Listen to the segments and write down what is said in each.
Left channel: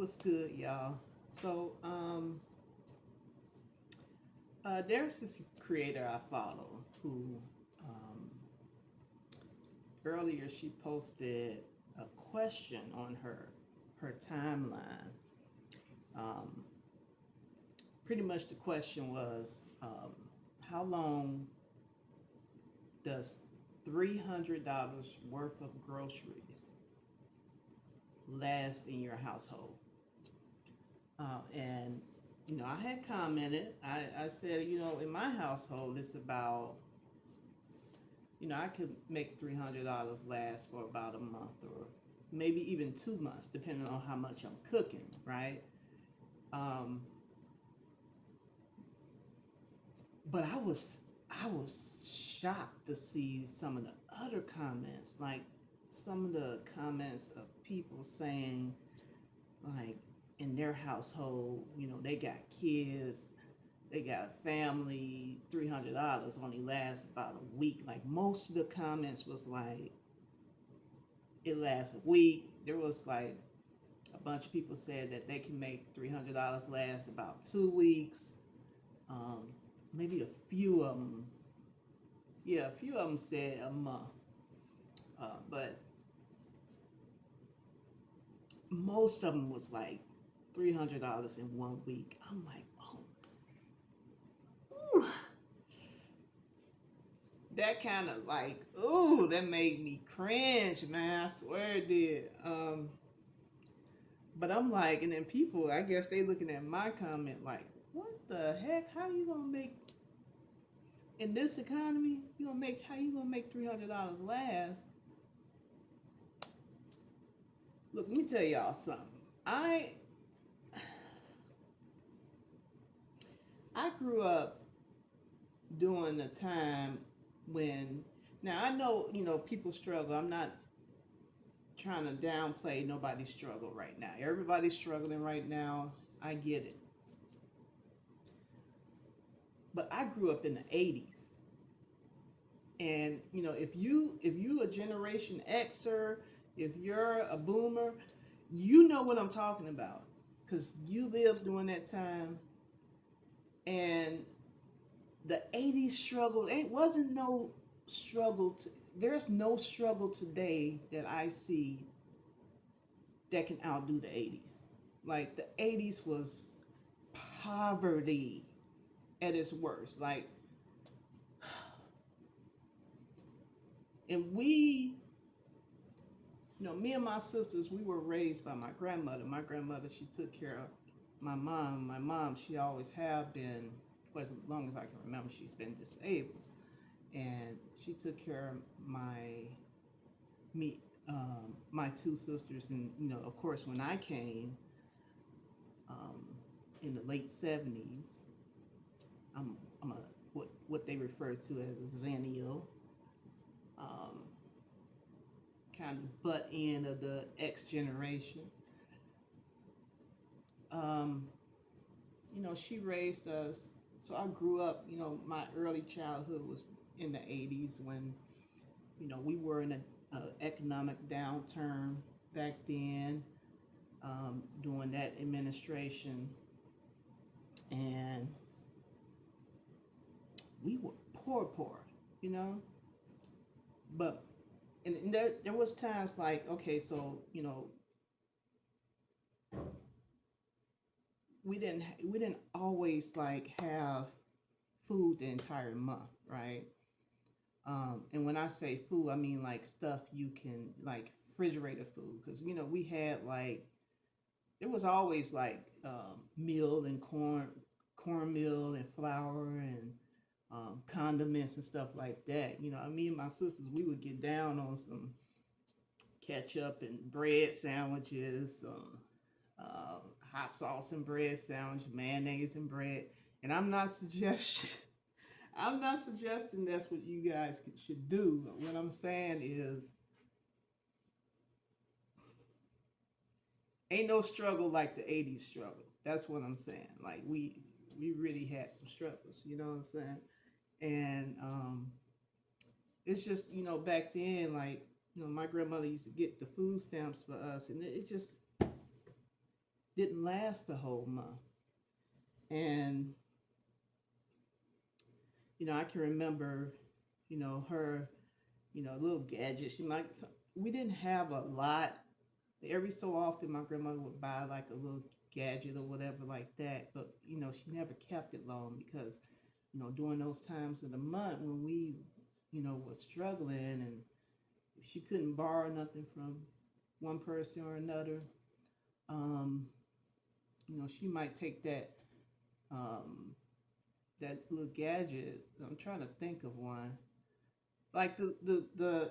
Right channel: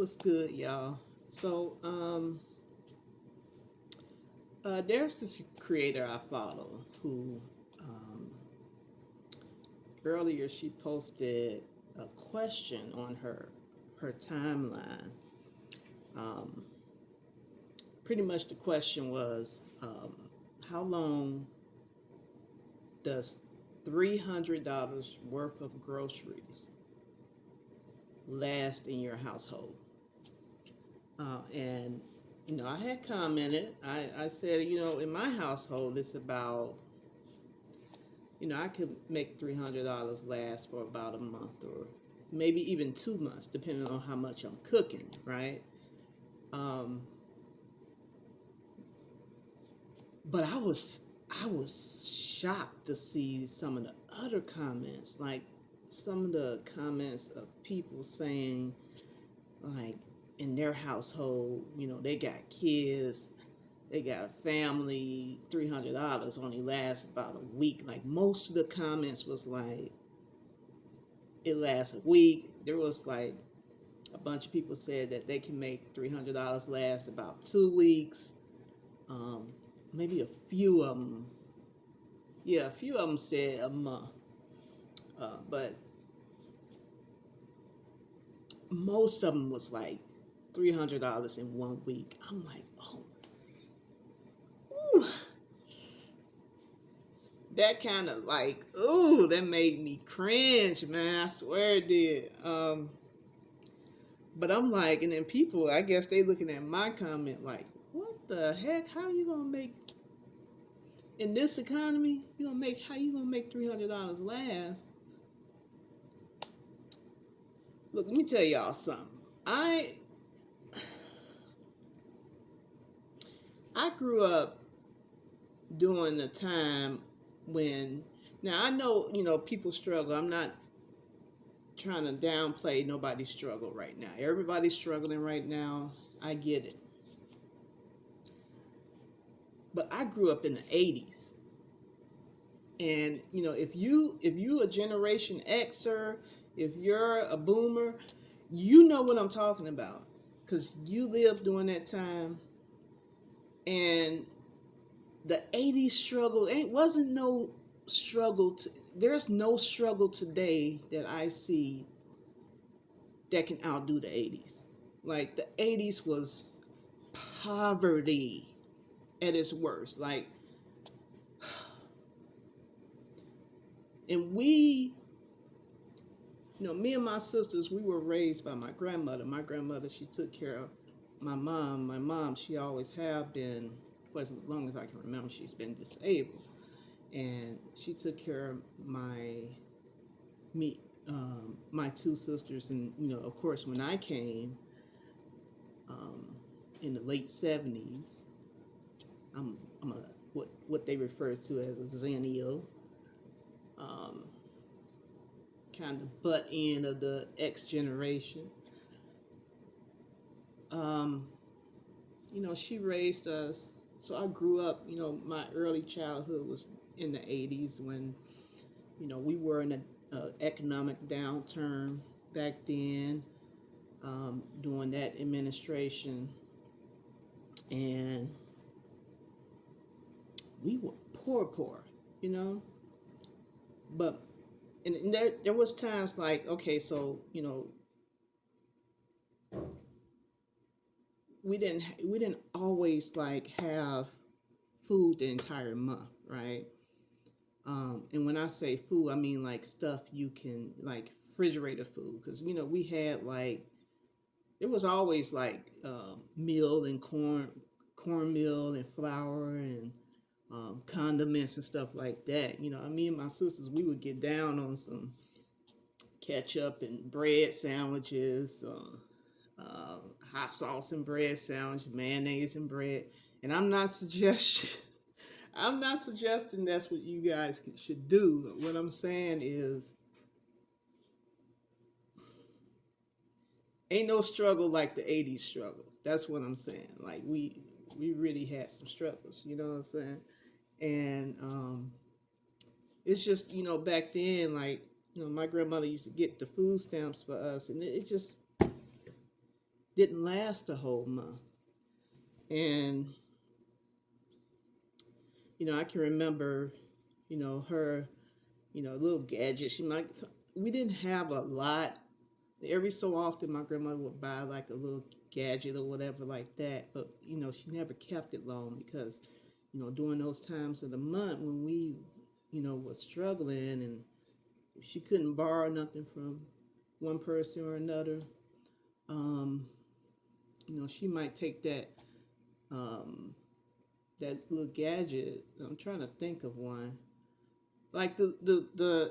What's good, y'all? So, there's this creator I follow who, um, earlier she posted a question on her timeline. Um, Pretty much the question was, how long does $300 worth of groceries last in your household? And I had commented. I said, in my household, it's about, I could make $300 last for about a month or maybe even 2 months, depending on how much I'm cooking, right? Um, but I was shocked to see some of the other comments, like some of the comments of people saying, like, in their household, they got kids, they got a family, $300 only lasts about a week. Like most of the comments was like, it lasts a week. There was like a bunch of people said that they can make $300 last about 2 weeks. Um, Maybe a few of them, yeah, a few of them said a month. But most of them was like $300 in 1 week. I'm like, oh, ooh, that kind of like, ooh, that made me cringe, man. I swear it did. But I'm like, and then people, I guess they looking at my comment like, what the heck? How you gonna make in this economy? How you gonna make $300 last? Look, let me tell y'all something. I I grew up during the time when, now I know people struggle. I'm not trying to downplay nobody's struggle right now. Everybody's struggling right now. I get it. But I grew up in the 80s. And if you a generation Xer, if you're a boomer, you know what I'm talking about cuz you lived during that time. And the 80s struggle ain't wasn't no struggle to, there's no struggle today that I see that can outdo the 80s. Like the 80s was poverty at its worst. Like, and me and my sisters, we were raised by my grandmother. My grandmother, she took care of my mom. My mom, she always have been, for as long as I can remember, she's been disabled. And she took care of me, my two sisters. And, of course, when I came um, in the late 70s, I'm a what they refer to as a Zennial, um, kind of butt end of the X generation. Um, she raised us. So I grew up, my early childhood was in the 80s when, we were in an economic downturn back then, during that administration. And we were poor, you know? But, and there was times like, okay, so, we didn't always like have food the entire month, right? And when I say food, I mean like stuff you can like refrigerator food, because we had like there was always like meal and cornmeal and flour and condiments and stuff like that. Me and my sisters, we would get down on some ketchup and bread sandwiches, hot sauce and bread sandwich, mayonnaise and bread. And I'm not suggesting that's what you guys should do. What I'm saying is, ain't no struggle like the 80s struggle. That's what I'm saying. Like we really had some struggles, you know what I'm saying? And it's just, back then, like, my grandmother used to get the food stamps for us, and it just didn't last the whole month. And I can remember, her, little gadget. We didn't have a lot. Every so often, my grandmother would buy like a little gadget or whatever like that. But, she never kept it long because, during those times of the month when we, was struggling and she couldn't borrow nothing from one person or another, um, she might take um, that little gadget. I'm trying to think of one, like the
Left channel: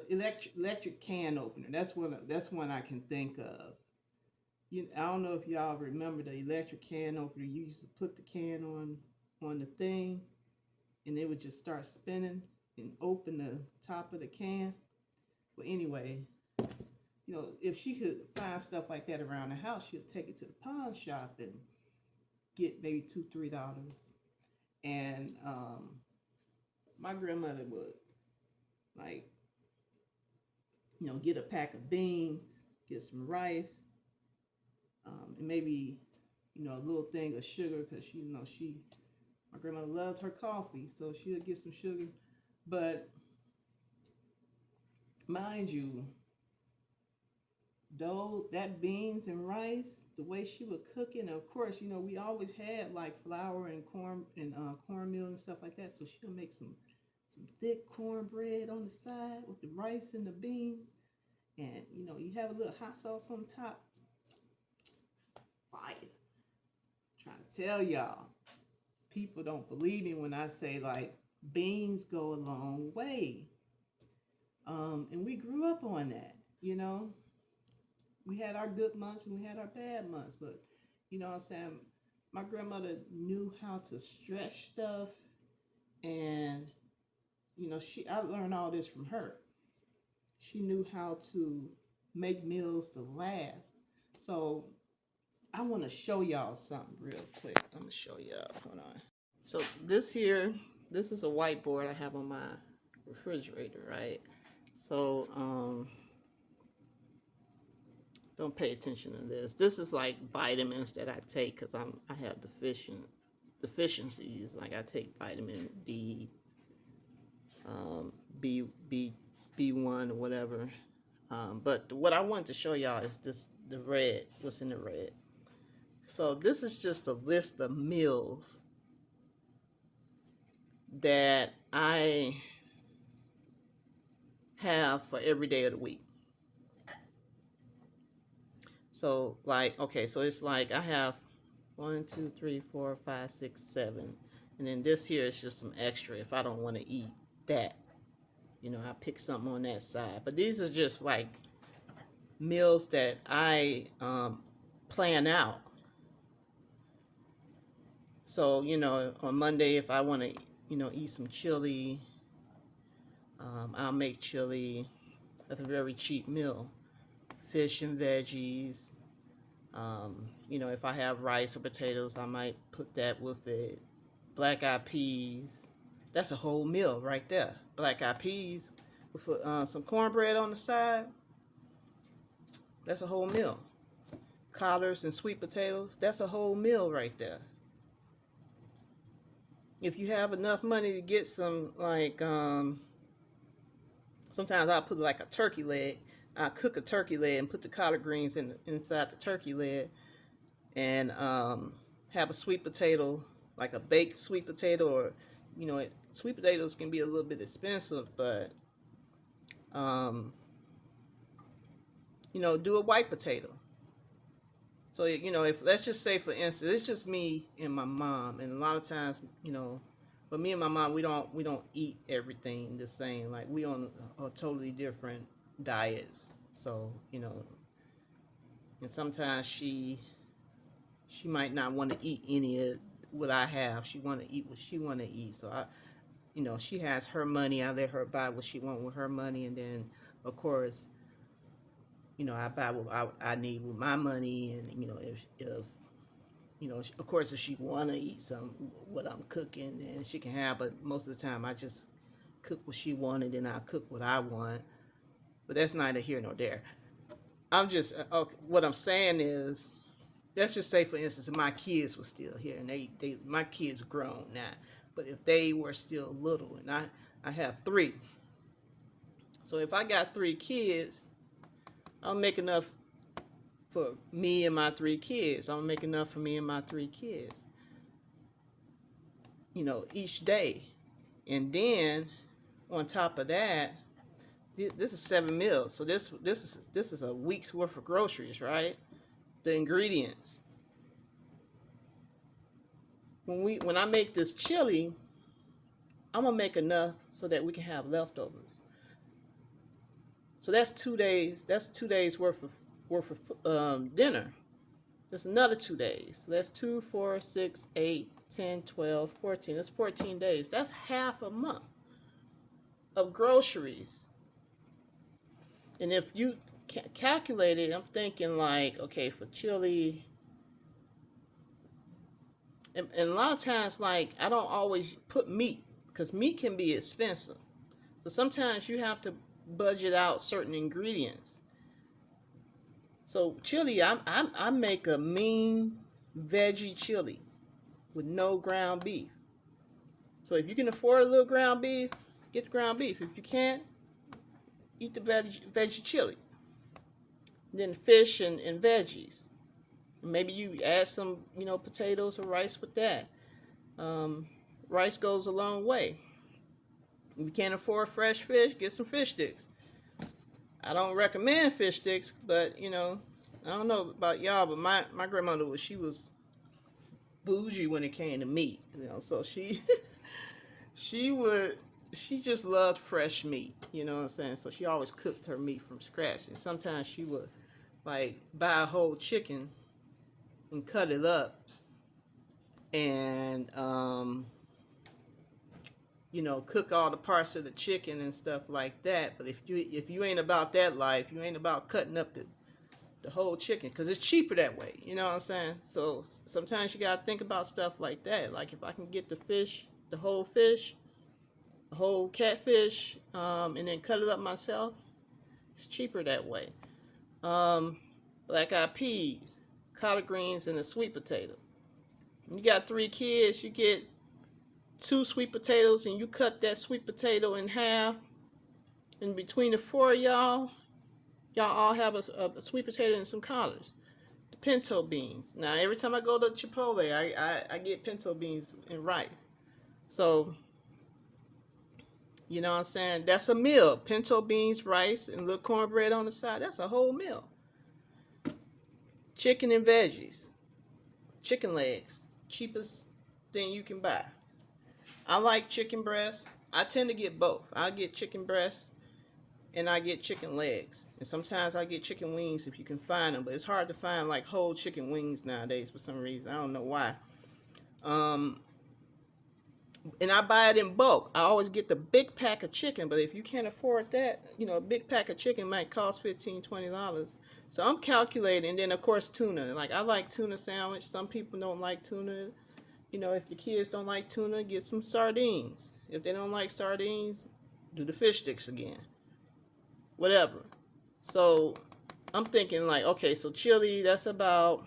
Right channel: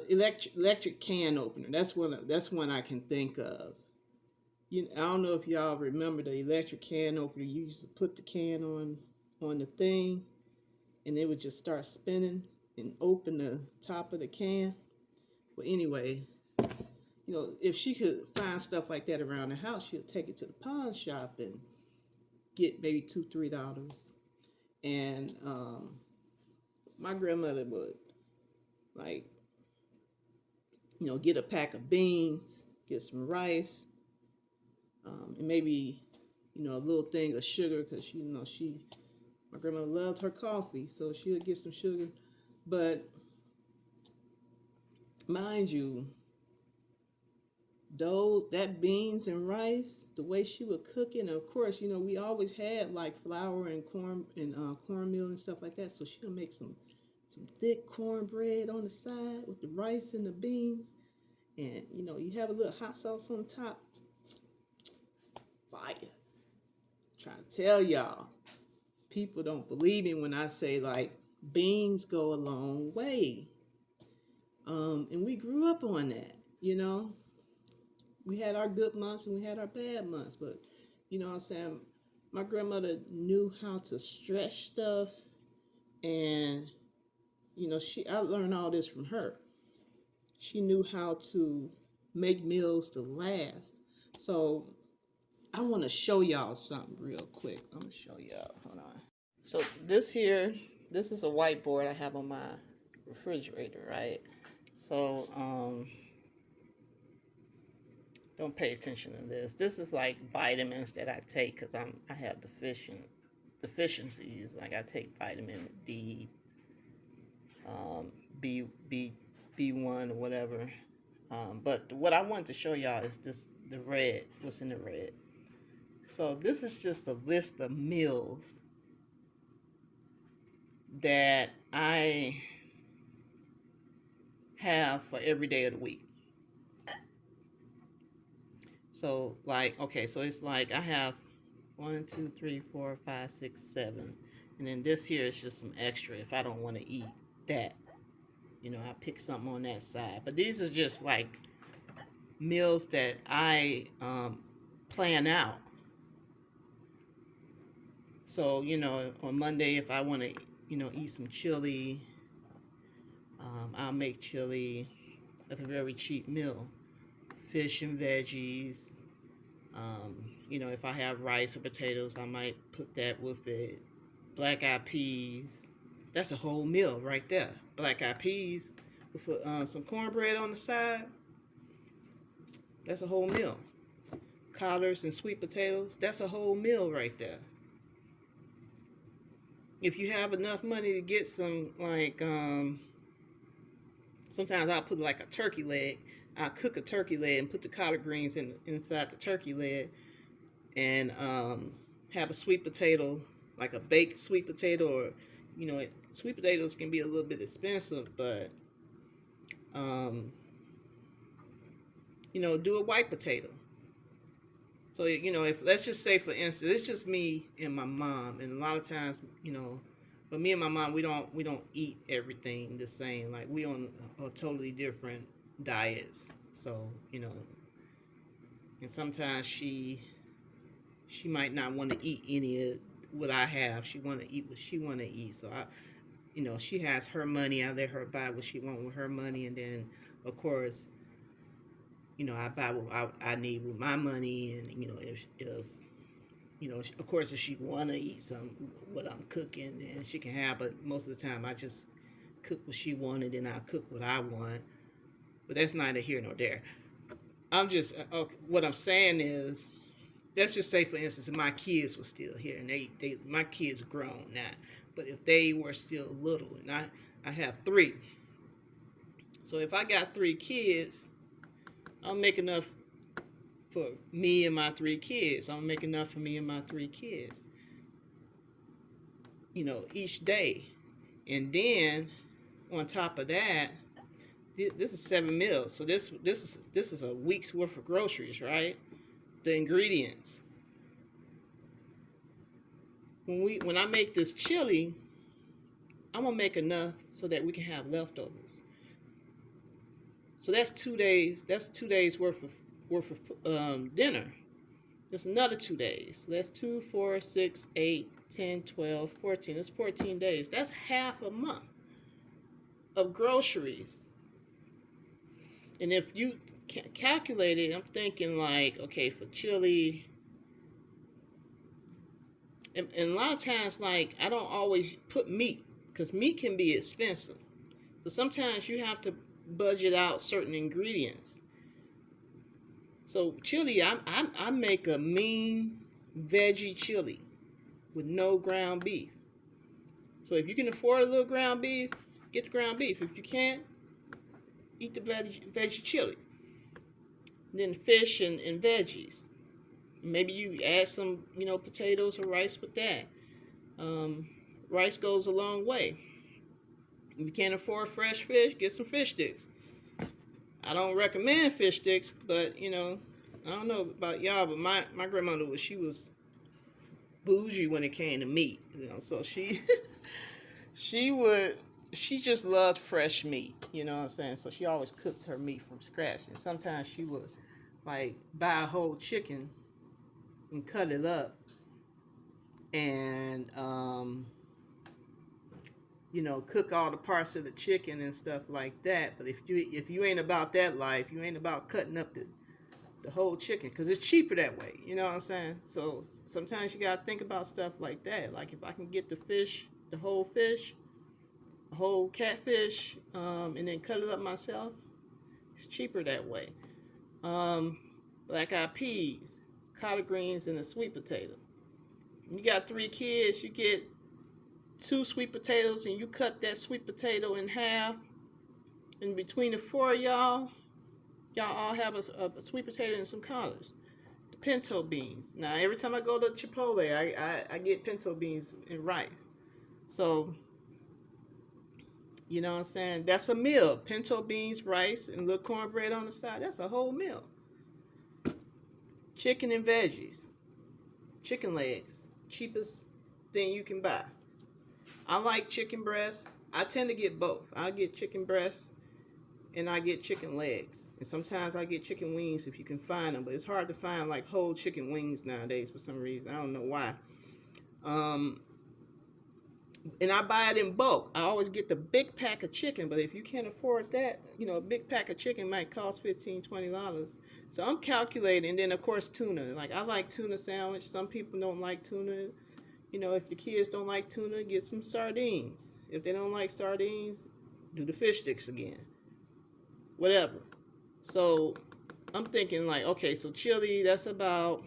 electric can opener. That's one I can think of. I don't know if y'all remember the electric can opener. You used to put the can on the thing, and it would just start spinning and open the top of the can. But anyway, if she could find stuff like that around the house, she'll take it to the pawn shop and get maybe $2, $3. And my grandmother would, like, get a pack of beans, get some rice, and maybe, a little thing of sugar because my grandmother loved her coffee, so she would get some sugar. But mind you, though that beans and rice, the way she would cook it, and of course, we always had like flour and cornmeal and stuff like that. So she'll make some thick cornbread on the side with the rice and the beans, and you have a little hot sauce on top. Fire! Trying to tell y'all, people don't believe me when I say like beans go a long way. And we grew up on that, We had our good months and we had our bad months, but what I'm saying, my grandmother knew how to stretch stuff, and I learned all this from her. She knew how to make meals to last. So I want to show y'all something real quick. I'm gonna show y'all. Hold on. So this is a whiteboard I have on my refrigerator, right? So don't pay attention to this. This is like vitamins that I take because I have deficiencies. Like I take vitamin D, B1 or whatever. But what I wanted to show y'all is the red. What's in the red? So this is just a list of meals that I have for every day of the week. So like, okay, so it's like I have 1, 2, 3, 4, 5, 6, 7. And then this here is just some extra if I don't want to eat that. I pick something on that side. But these are just like meals that I plan out. So, on Monday, if I want to, eat some chili, I'll make chili. That's a very cheap meal. Fish and veggies. If I have rice or potatoes, I might put that with it. Black eyed peas. That's a whole meal right there. Black eyed peas with some cornbread on the side. That's a whole meal. Collards and sweet potatoes. That's a whole meal right there. If you have enough money to get some, like, sometimes I'll put like a turkey leg. I'll cook a turkey leg and put the collard greens inside the turkey leg, and have a sweet potato, like a baked sweet potato, or sweet potatoes can be a little bit expensive, but do a white potato. So if let's just say for instance, it's just me and my mom, and a lot of times, but me and my mom, we don't eat everything the same. Like we on a totally different diets. So and sometimes she might not want to eat any of what I have. She want to eat what she want to eat. So she has her money. I let her buy what she want with her money, and then of course, I buy what I need with my money, and if of course, if she want to eat some what I'm cooking, then she can have. But most of the time, I just cook what she wanted, and I cook what I want. But that's neither here nor there. I'm just what I'm saying is let's just say, for instance, if my kids were still here, and my kids are grown now, but if they were still little, and I have three, so if I got three kids, I'll make enough for me and my three kids. I'll make enough for me and my three kids, each day. And then on top of that, this is 7 meals. So this is a week's worth of groceries, right? The ingredients. When I make this chili, I'm gonna make enough so that we can have leftovers. So that's 2 days. That's 2 days worth of dinner. That's another 2 days. So that's 2, 4, 6, 8, 10, 12, 14. That's 14 days. That's half a month of groceries. And if you calculate it, I'm thinking like, okay, for chili, and a lot of times, like, I don't always put meat because meat can be expensive. So sometimes you have to budget out certain ingredients. So chili, I make a mean veggie chili with no ground beef. So if you can afford a little ground beef, get the ground beef. If you can't, eat the veggie chili. And then fish and veggies. Maybe you add some, potatoes or rice with that. Rice goes a long way. If you can't afford fresh fish, get some fish sticks. I don't recommend fish sticks, but I don't know about y'all, but my grandmother she was bougie when it came to meat. So she she just loved fresh meat. You know what I'm saying? So she always cooked her meat from scratch, and sometimes she would like buy a whole chicken and cut it up, and cook all the parts of the chicken and stuff like that. But if you ain't about that life, you ain't about cutting up the whole chicken, because it's cheaper that way. You know what I'm saying? So sometimes you gotta think about stuff like that. Like if I can get the whole fish, the whole catfish, and then cut it up myself, it's cheaper that way. Black eyed peas, collard greens, and a sweet potato. You got 3 kids, you get 2 sweet potatoes, and you cut that sweet potato in half. And between the 4 of y'all all have a sweet potato and some collards. The pinto beans. Now, every time I go to Chipotle, I get pinto beans and rice. So, you know what I'm saying? That's a meal. Pinto beans, rice, and a little cornbread on the side. That's a whole meal. Chicken and veggies. Chicken legs. Cheapest thing you can buy. I like chicken breast. I tend to get both. I get chicken breast and I get chicken legs. And sometimes I get chicken wings if you can find them. But it's hard to find like whole chicken wings nowadays for some reason. I don't know why. And I buy it in bulk. I always get the big pack of chicken. But if you can't afford that, a big pack of chicken might cost $15, $20. So I'm calculating. And then, of course, tuna. Like, I like tuna sandwich. Some people don't like tuna. If your kids don't like tuna, get some sardines. If they don't like sardines, do the fish sticks again. Whatever. So I'm thinking like, okay, so chili, that's about,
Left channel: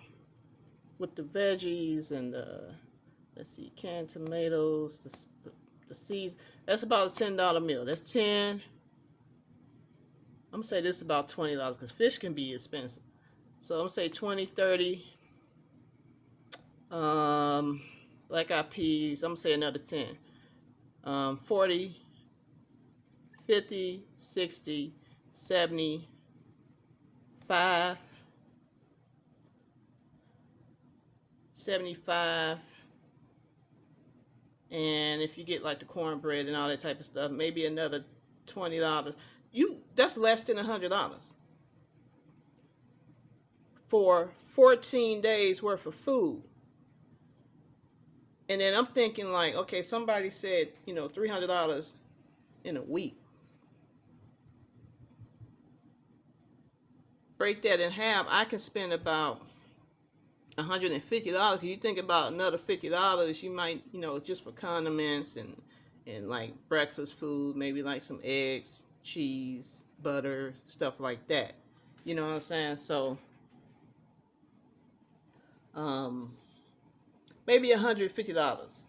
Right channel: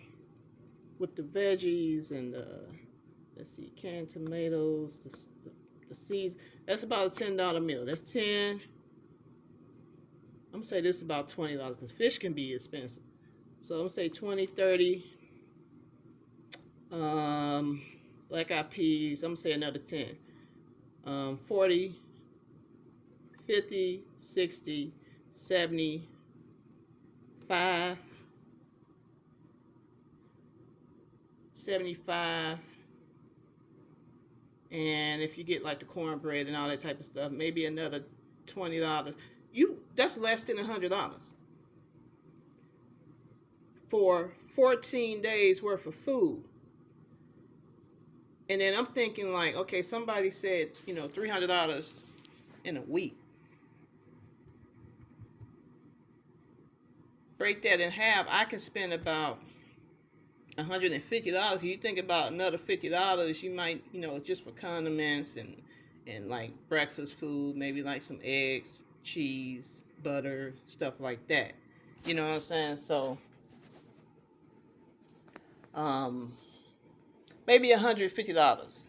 with the veggies and let's see, canned tomatoes, the seeds, that's about a $10 meal. That's 10. I'm going to say this is about $20 because fish can be expensive. So I'm going to say 20, 30. Black eyed peas, I'm going to say another 10. 40, 50, 60, 70, 5, 75, and if you get like the cornbread and all that type of stuff, maybe another $20. That's less than $100 for 14 days worth of food. And then I'm thinking like, okay, somebody said, $300 in a week. Break that in half, I can spend about $150. You think about another $50, you might, just for condiments and like breakfast food, maybe like some eggs, cheese, butter, stuff like that. You know what I'm saying? So um, maybe $150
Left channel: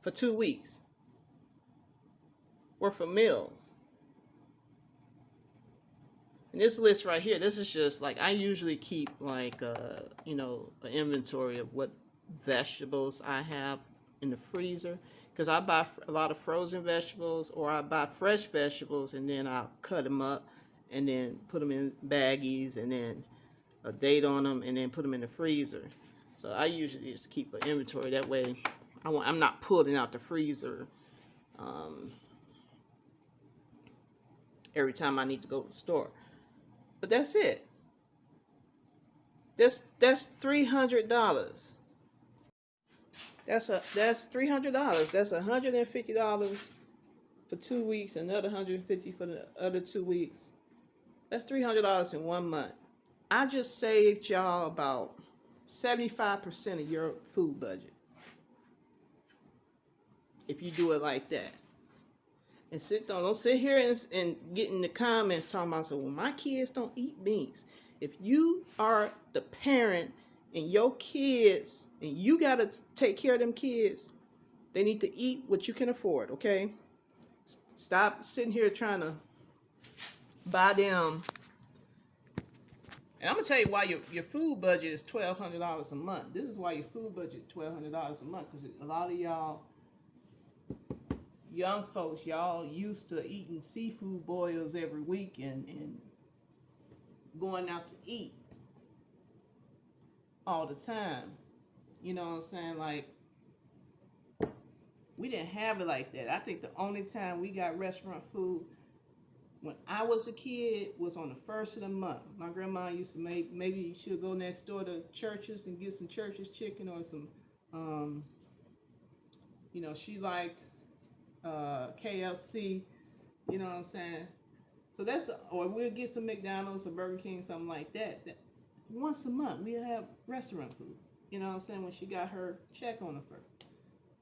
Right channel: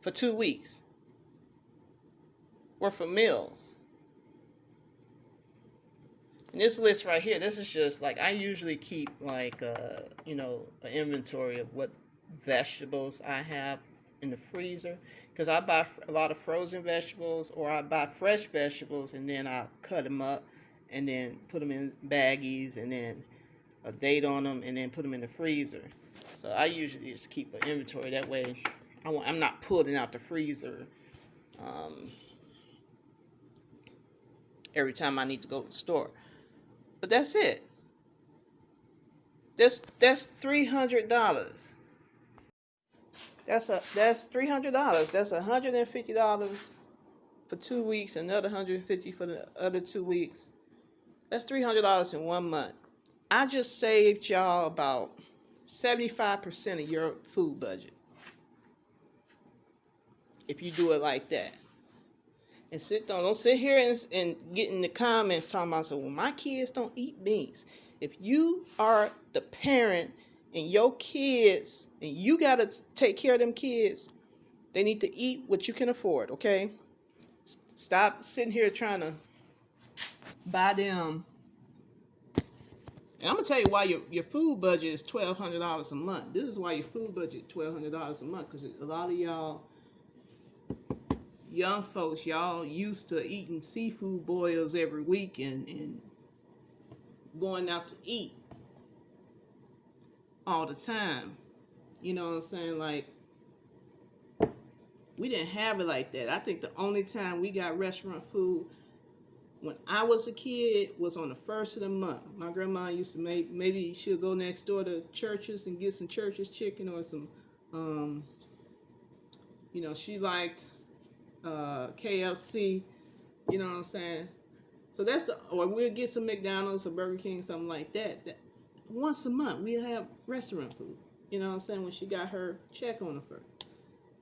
for 2 weeks worth of meals. And this list right here, this is just like, I usually keep like an inventory of what vegetables I have in the freezer, because I buy a lot of frozen vegetables, or I buy fresh vegetables and then I'll cut them up and then put them in baggies and then a date on them and then put them in the freezer. So I usually just keep an inventory that way. I'm not pulling out the freezer um, every time I need to go to the store. But that's it. That's $300. That's $300. That's $150 for 2 weeks. Another $150 for the other 2 weeks. That's $300 in 1 month. I just saved y'all about 75% of your food budget if you do it like that. And don't sit here and get in the comments talking about, so, well, my kids don't eat beans. If you are the parent and your kids, and you got to take care of them kids, they need to eat what you can afford, okay? Stop sitting here trying to buy them. And I'm going to tell you why your food budget is $1,200 a month. This is why your food budget is $1,200 a month, because a lot of y'all young folks, y'all used to eating seafood boils every week and going out to eat all the time. You know what I'm saying? Like, we didn't have it like that. I think the only time we got restaurant food when I was a kid was on the first of the month. My grandma used to maybe she'll go next door to Church's and get some Church's chicken or some, she liked KFC. You know what I'm saying? So or we'll get some McDonald's or Burger King, something like that. Once a month, we'll have restaurant food. You know what I'm saying? When she got her check on the first.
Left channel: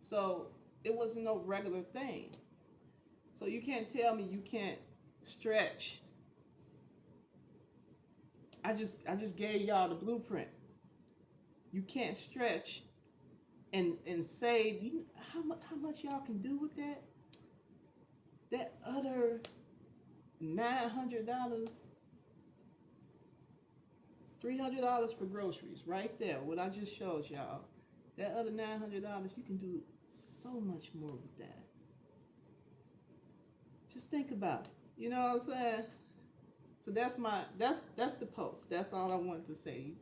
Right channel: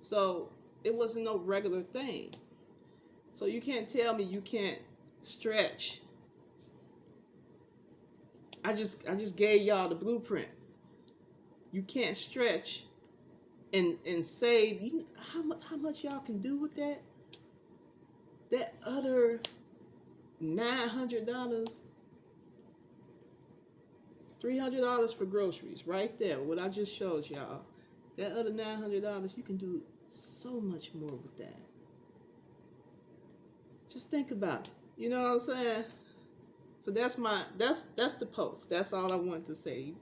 So it wasn't no regular thing. So you can't tell me you can't stretch. I just gave y'all the blueprint. You can't stretch and save. How much y'all can do with that? That other $900, $300 for groceries, right there. What I just showed y'all. That other $900, you can do so much more with that. Just think about it. You know what I'm saying? So that's the post. That's all I wanted to say.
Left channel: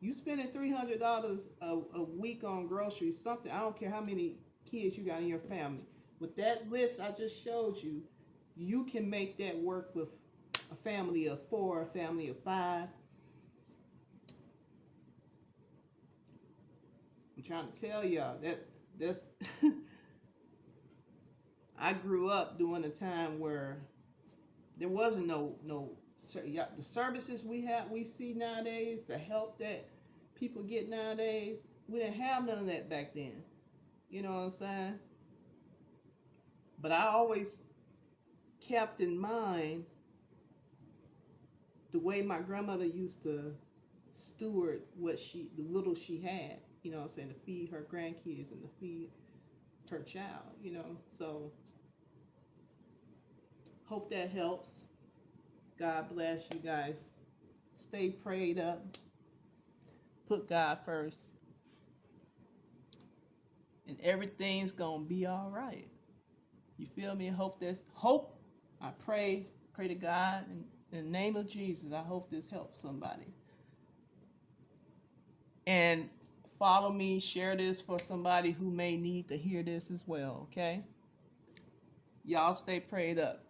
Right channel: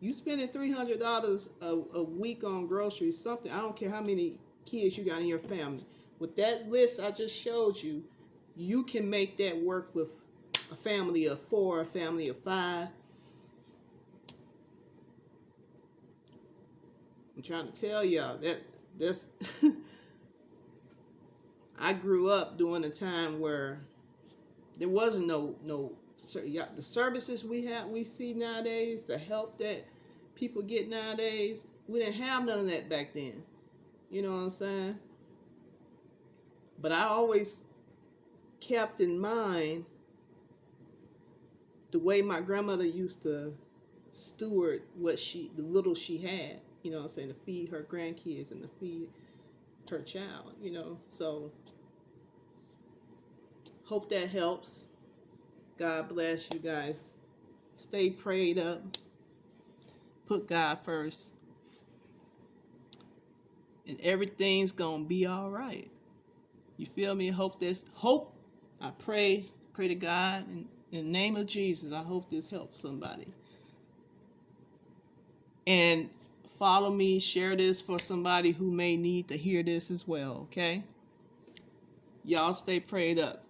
You spending $300 a week on groceries, something. I don't care how many kids you got in your family. With that list I just showed you, you can make that work with a family of 4, a family of 5. I'm trying to tell y'all that's I grew up during a time where there wasn't no the services we see nowadays, the help that people get nowadays. We didn't have none of that back then. You know what I'm saying? But I always kept in mind the way my grandmother used to steward the little she had. You know what I'm saying? To feed her grandkids and to feed her child. So hope that helps. God bless you guys. Stay prayed up. Put God first. And everything's going to be all right. You feel me? Hope. I pray to God in the name of Jesus. I hope this helps somebody. And follow me, share this for somebody who may need to hear this as well, okay? Y'all stay prayed up.